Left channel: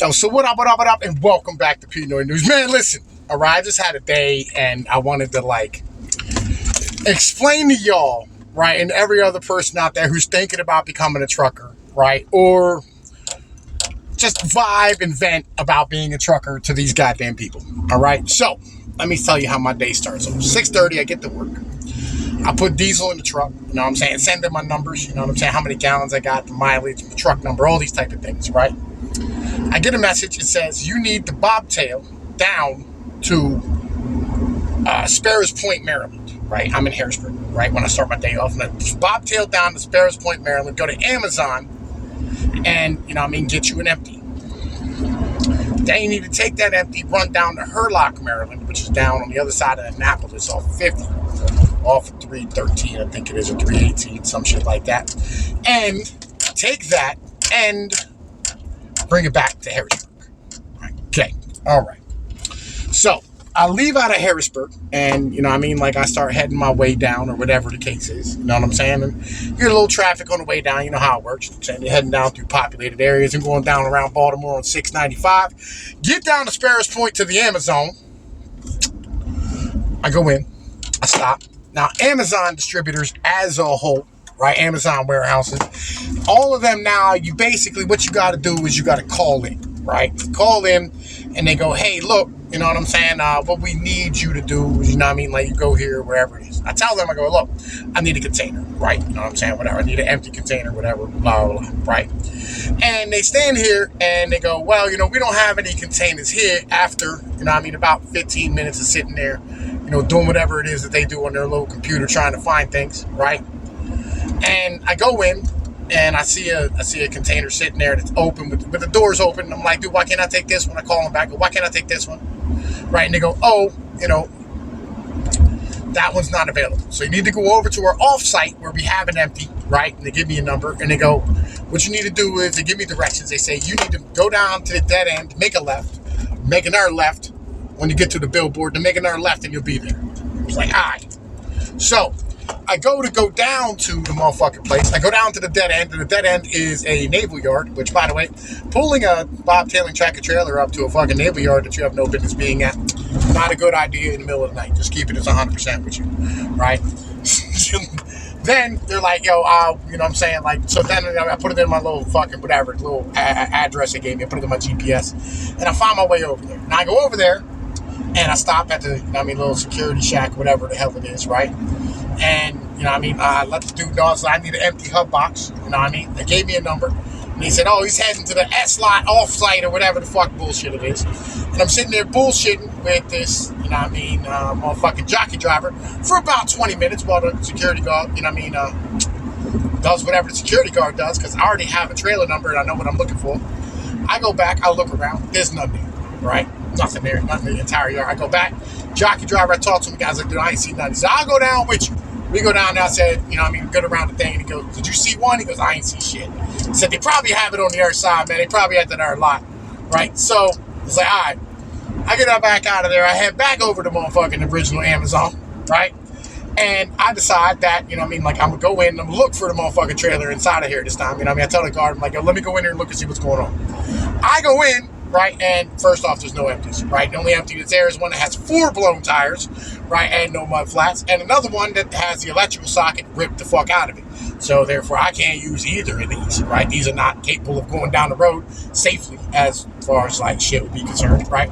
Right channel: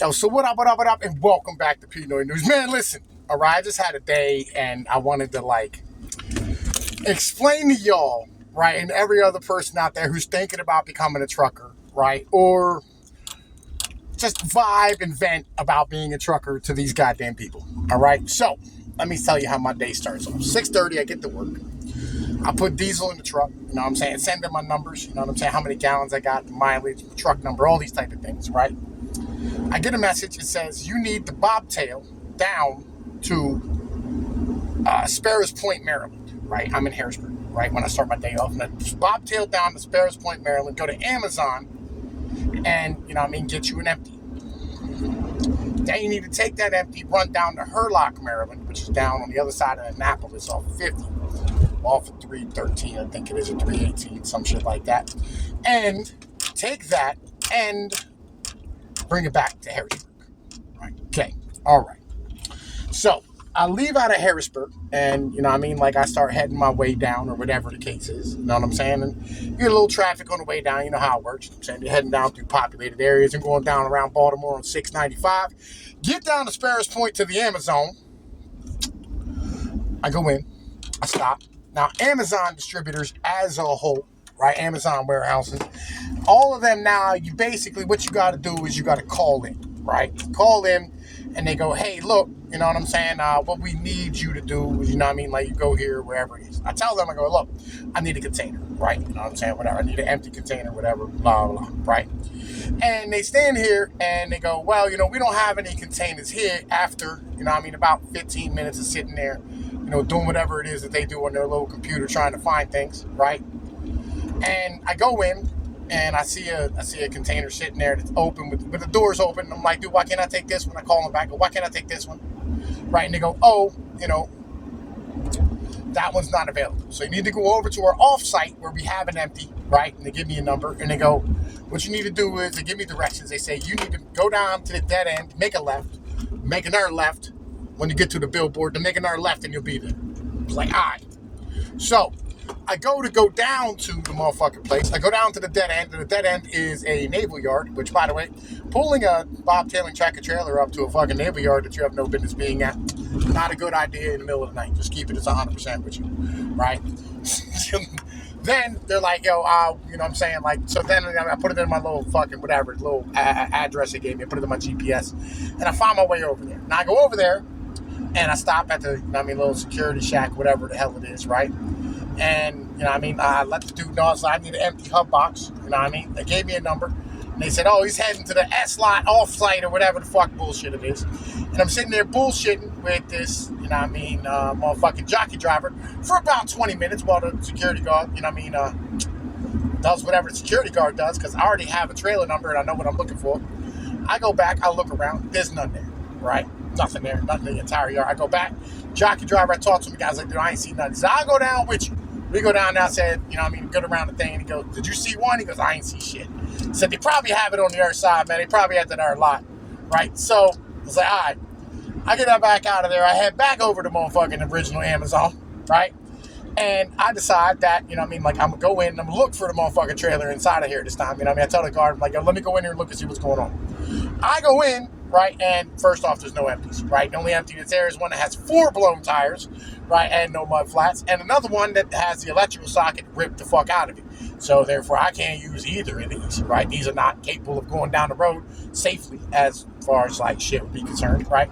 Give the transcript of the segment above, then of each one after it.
Yo, so what up, and welcome back to Pinoy News. Man, listen, all right, I just had a day, and I wanted to, explain to y'all, right, and every other person out there who's thinking about becoming a trucker, right, or just vibe and vent about being a trucker to these goddamn people, all right? So, let me tell you how my day starts. So, 6:30, I get to work. I put diesel in the truck, you know what I'm saying? Send them my numbers, you know what I'm saying? How many gallons I got, the mileage, the truck number, all these type of things, right? I get a message. It says, you need the bobtail down to Sparrows Point, Maryland, right? I'm in Harrisburg, right? When I start my day off. And I bobtail down to Sparrows Point, Maryland, go to Amazon, and, get you an empty. Then you need to take that empty, run down to Hurlock, Maryland, which is down on the other side of Annapolis off of 50. Off of 313, I think it is, or 318, some shit like that. And take that and bring it back to Harrisburg. Right. Okay. All right. So I leave out of Harrisburg, and I start heading my way down, or whatever the case is. You know what I'm saying? And you get a little traffic on the way down. You know how it works. You're heading down through populated areas and going down around Baltimore on 695. Get down to Sparrows Point to the Amazon. I go in. I stop. Now, Amazon distributors as a whole, right? Amazon warehouses, all of them now, you basically, what you got to do is you got to call in, right? Call in, and they go, hey, look, you know what I'm saying? What we need you to do is, you go here, wherever it is. I tell them, I go, look, I need a container, right? You know what I'm saying? Whatever. I need an empty container, whatever, blah, blah, blah, right? And they stand here, and they go, well, we don't have any containers here after, about 15 minutes of sitting there, doing whatever it is that they do on their little computer trying to find things, right? And I go in, and I see a container sitting there that's open, with the doors open. I'm like, dude, why can't I take this one? I call them back, why can't I take this one? Right? And they go, oh, that one's not available. So you need to go over to our off-site where we have an empty, right? And they give me a number, and they go, what you need to do is, they give me directions. They say, you need to go down to the dead end, make a left, make another left. When you get to the billboard, to make another left, and you'll be there. It's like, all right. So I go down to the motherfucking place. I go down to the dead end, and the dead end is a naval yard, which, by the way, pulling a bobtailing tractor trailer up to a fucking naval yard that you have no business being at, not a good idea in the middle of the night. Just keep it as 100% with you, right? Then they're like, yo, you know what I'm saying? So then I put it in my little fucking whatever, little address they gave me. I put it in my GPS, and I found my way over there. Now I go over there, and I stop at the, little security shack, whatever the hell it is, right? And, I let the dude know, so I need an empty hub box, They gave me a number, and they said, oh, he's heading to the S-lot off-site, or whatever the fuck bullshit it is. And I'm sitting there bullshitting with this, motherfucking jockey driver for about 20 minutes while the security guard, does whatever the security guard does, because I already have a trailer number and I know what I'm looking for. I go back, I look around, there's none there, right? Nothing there, nothing in the entire yard. I go back, jockey driver, I talk to him, the guy's like, dude, I ain't seen nothing. He said, I'll go down with you. We go down there, I said, good around the thing, and he goes, did you see one? He goes, I ain't see shit. He said, they probably have it on the other side, man. They probably at that other lot, right? So, it's like, all right. I get back out of there, I head back over to motherfucking original Amazon, right? And I decide that, I'm gonna go in and I'm gonna look for the motherfucking trailer inside of here this time. I tell the guard, I'm like, yo, let me go in here and look and see what's going on. I go in, right, and first off, there's no empties, right? The only empty that's there is one that has 4 blown tires, right, and no mud flats, and another one that has the electrical socket ripped the fuck out of it. So therefore, I can't use either of these, right? These are not capable of going down the road safely as far as shit would be concerned, right?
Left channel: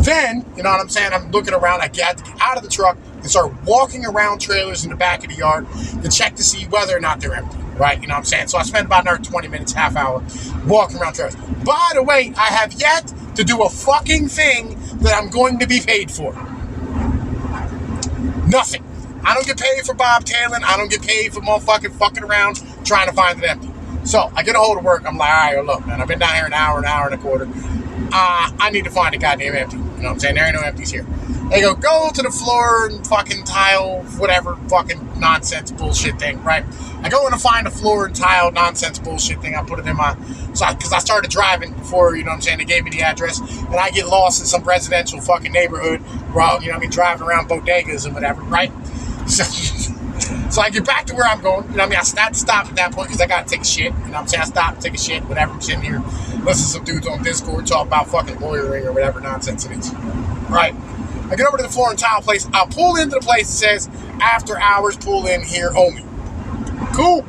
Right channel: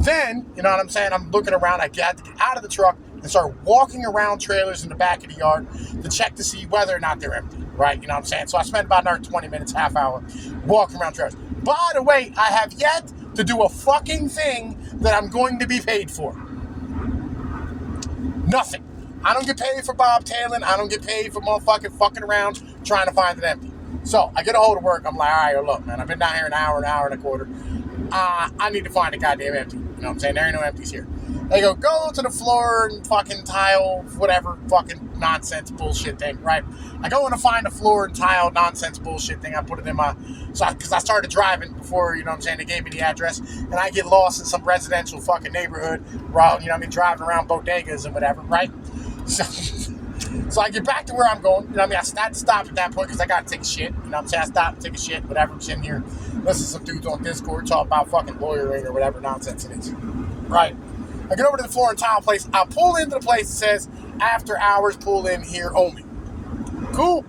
Then, you know what I'm saying? I'm looking around. I get out of the truck and start walking around trailers in the back of the yard to check to see whether or not they're empty, right? You know what I'm saying? So I spent about another 20 minutes, half hour walking around trailers. By the way, I have yet to do a fucking thing that I'm going to be paid for. Nothing. I don't get paid for bobtailing. I don't get paid for motherfucking fucking around trying to find it empty. So I get a hold of work. I'm like, all right, well, look, man, I've been down here an hour and a quarter. I need to find a goddamn empty. You know what I'm saying? There ain't no empties here. They go to the floor and fucking tile, whatever fucking nonsense bullshit thing, right? I go in to find a floor and tile nonsense bullshit thing. I put it in my, because I started driving before, they gave me the address, and I get lost in some residential fucking neighborhood, driving around bodegas and whatever, right? So So I get back to where I'm going. You know what I mean? I had to stop at that point because I got to take a shit. You know what I'm saying? I stopped, take a shit, whatever. I'm sitting here, listen to some dudes on Discord talk about fucking lawyering or whatever nonsense it is. Right? I get over to the floor and tile place. I'll pull into the place that says after hours, pull in here only. Cool.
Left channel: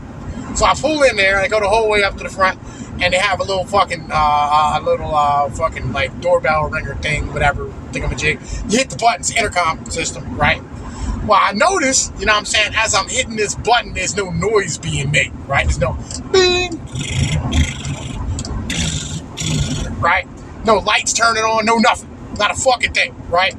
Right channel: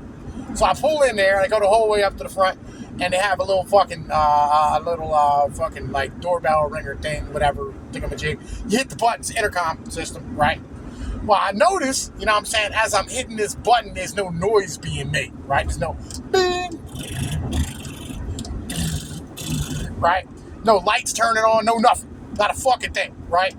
So I pull in there and I go the whole way up to the front, and they have a little fucking, fucking like doorbell ringer thing, whatever, thingamajig. You hit the buttons, intercom system, right? Well, I notice, you know what I'm saying, as I'm hitting this button, there's no noise being made, right? There's no bing, right? No lights turning on, no nothing. Not a fucking thing, right?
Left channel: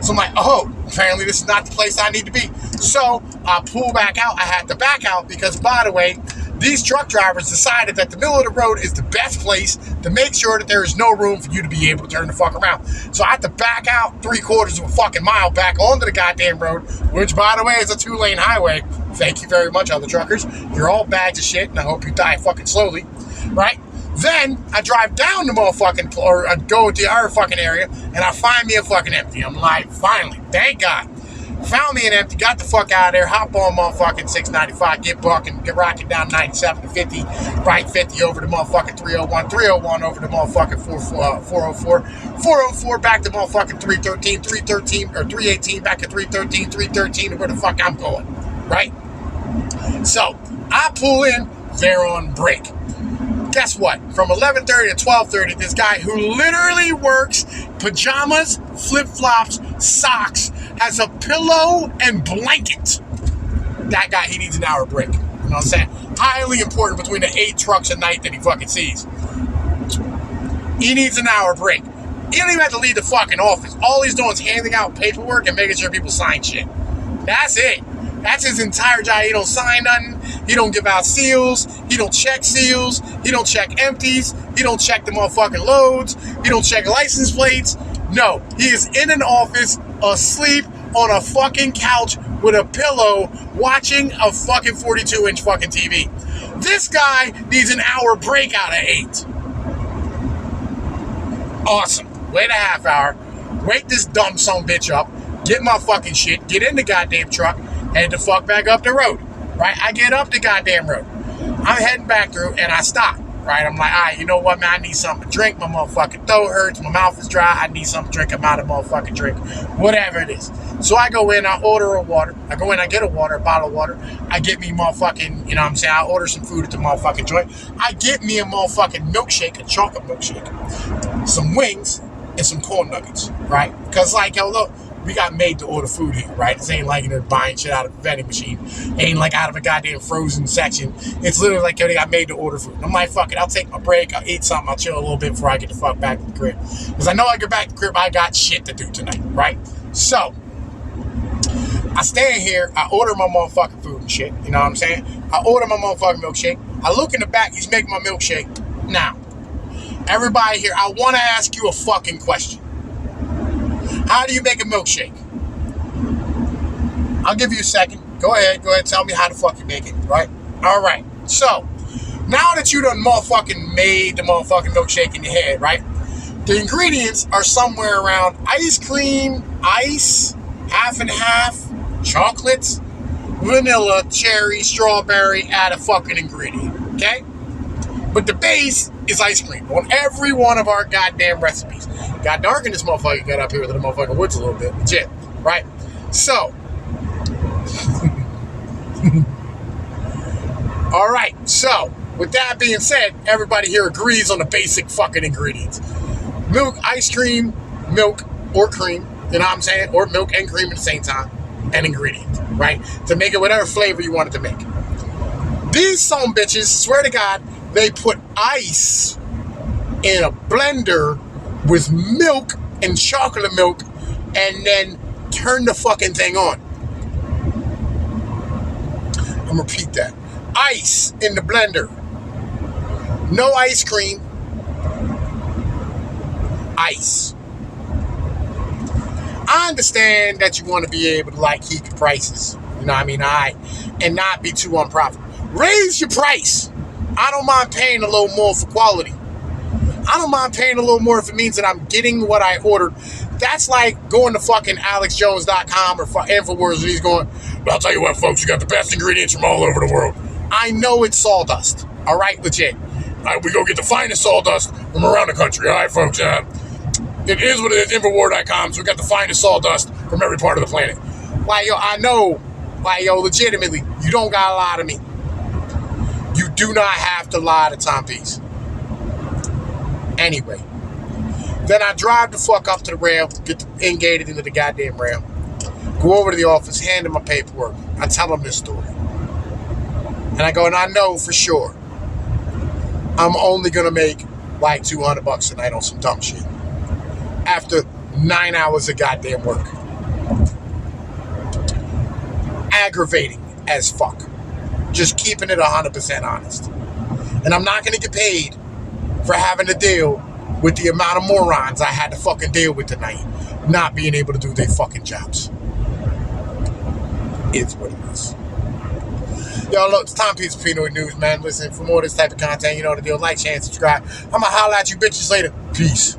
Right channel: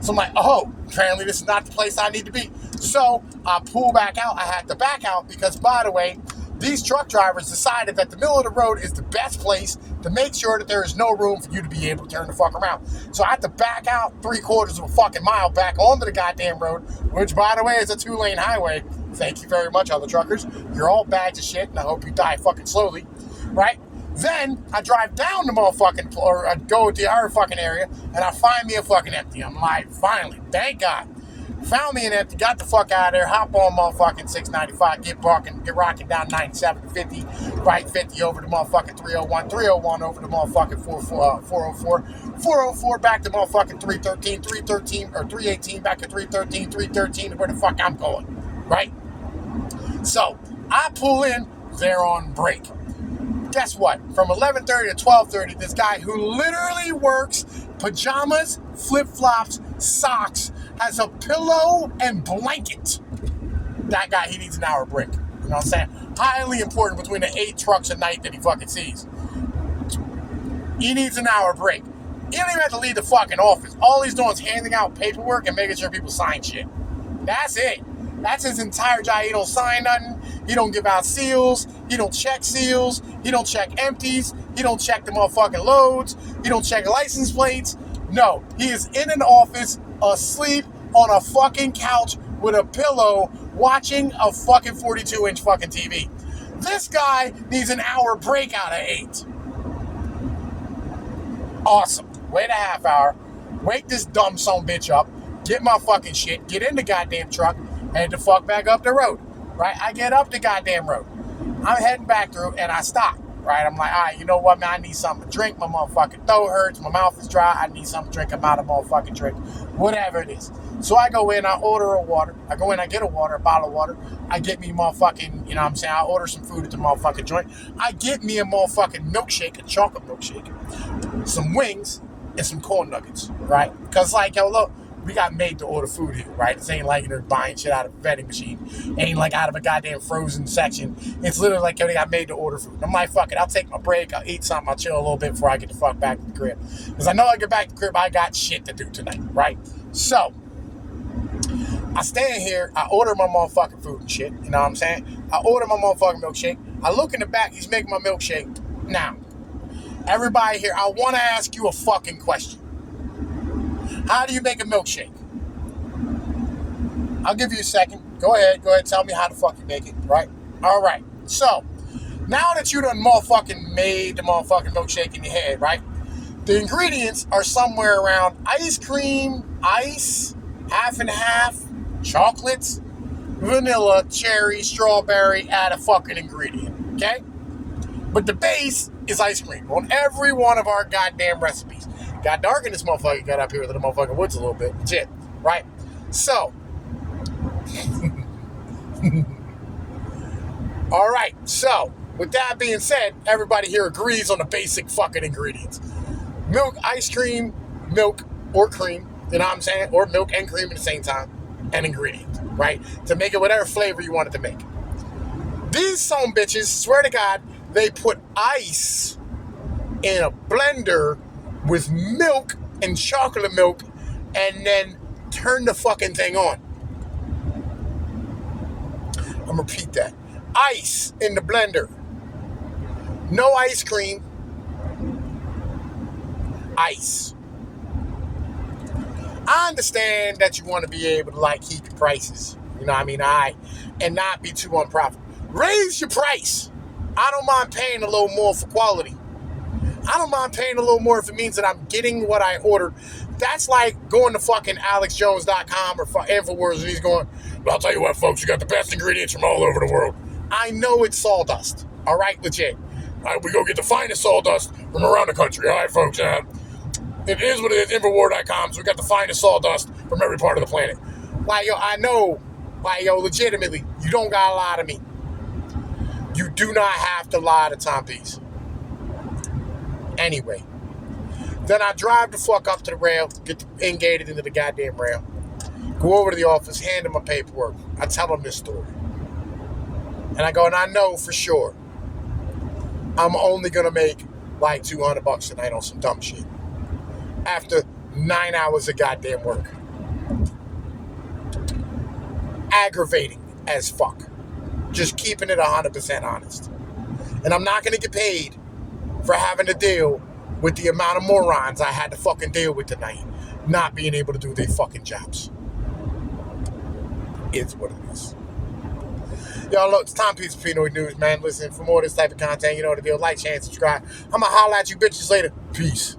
So I'm like, oh, apparently this is not the place I need to be. So I pull back out. I had to back out because, by the way, these truck drivers decided that the middle of the road is the best place to make sure that there is no room for you to be able to turn the fuck around. So I had to back out 3/4 of a fucking mile back onto the goddamn road, which, by the way, is a 2-lane highway. Thank you very much, other truckers. You're all bags of shit, and I hope you die fucking slowly, right? Then I drive down the motherfucking, or I go to the other fucking area, and I find me a fucking empty. I'm like, finally, thank God. Found me an empty, got the fuck out of there, hop on motherfucking 695, get bucking, get rocking down 97 to 50, right 50 over to motherfucking 301, 301 over to motherfucking 404, 404 back to motherfucking 313, 313, or 318 back to 313, 313 to where the fuck I'm going, right? So, I pull in, they're on break. Guess what? From 11:30 to 12:30, this guy who literally works pajamas, flip-flops, socks, has a pillow and blanket. That guy, he needs an hour break. You know what I'm saying? Highly important between the 8 trucks a night that he fucking sees. He needs an hour break. He don't even have to leave the fucking office. All he's doing is handing out paperwork and making sure people sign shit. That's it. That's his entire job. He don't sign nothing. He don't give out seals. He don't check seals. He don't check empties. He don't check the motherfucking loads. He don't check license plates. No, he is in an office, asleep on a fucking couch with a pillow, watching a fucking 42-inch fucking TV. This guy needs an hour break out of 8. Awesome. Wait a half hour. Wake this dumb son bitch up. Get my fucking shit. Get in the goddamn truck. Head the fuck back up the road. Right? I get up the goddamn road. I'm heading back through and I stop. Right? I'm like, all right, you know what, man? I need something to drink. My motherfucking throat hurts. My mouth is dry. I need something to drink. I'm out of motherfucking drink. Whatever it is. So I go in, I order a water. I go in, I get a water, a bottle of water. I get me motherfucking, you know what I'm saying? I order some food at the motherfucking joint. I get me a motherfucking milkshake, a chocolate milkshake. Some wings and some corn nuggets. Right? Because, like, yo, look. We got made to order food here, right? This ain't like they're buying shit out of a vending machine. It ain't like out of a goddamn frozen section. It's literally like they got made to order food. I'm like, fuck it, I'll take my break, I'll eat something, I'll chill a little bit before I get the fuck back to the crib. Because I know I get back to the crib, I got shit to do tonight, right? So, I stand here, I order my motherfucking food and shit. You know what I'm saying? I order my motherfucking milkshake. I look in the back, he's making my milkshake. Now, everybody here, I want to ask you a fucking question. How do you make a milkshake? I'll give you a second. Go ahead, tell me how the fuck you make it, right? All right, so, now that you done motherfucking made the motherfucking milkshake in your head, right? The ingredients are somewhere around ice cream, ice, half and half, chocolates, vanilla, cherry, strawberry, add a fucking ingredient, okay? But the base is ice cream on every one of our goddamn recipes. Got dark in this motherfucker, got up here to the motherfucking woods a little bit. Legit, right? So, all right, so, with that being said, everybody here agrees on the basic fucking ingredients. Milk, ice cream, milk, or cream, you know what I'm saying? Or milk and cream at the same time, and ingredients, right? To make it whatever flavor you want it to make. These some bitches, swear to God, they put ice in a blender with milk and chocolate milk and then turn the fucking thing on. I'm gonna repeat that. Ice in the blender. No ice cream. Ice. I understand that you want to be able to like keep your prices. You know what I mean? And not be too unprofitable. Raise your price. I don't mind paying a little more for quality. I don't mind paying a little more if it means that I'm getting what I ordered. That's like going to fucking AlexJones.com or InfoWars and he's going, well, I'll tell you what, folks, you got the best ingredients from all over the world. I know it's sawdust. All right, legit. All right, we go get the finest sawdust from around the country. All right, folks. It is what it is, Infowar.com, so we got the finest sawdust from every part of the planet. Like, yo, I know, like, yo, legitimately, you don't gotta lie to me. You do not have to lie to Tom Peace. Anyway, then I drive the fuck up to the rail, get ingated into the goddamn rail, go over to the office, hand him my paperwork. I tell him this story. And I go, and I know for sure I'm only gonna make like $200 a night on some dumb shit. After 9 hours of goddamn work. Aggravating as fuck. Just keeping it 100% honest. And I'm not gonna get paid for having to deal with the amount of morons I had to fucking deal with tonight, not being able to do their fucking jobs. It's what it is. Yo, look, it's Tom Peace with Pinoy News, man. Listen, for more of this type of content, you know what to do. Like, share, and subscribe. I'm gonna holler at you bitches later. Peace.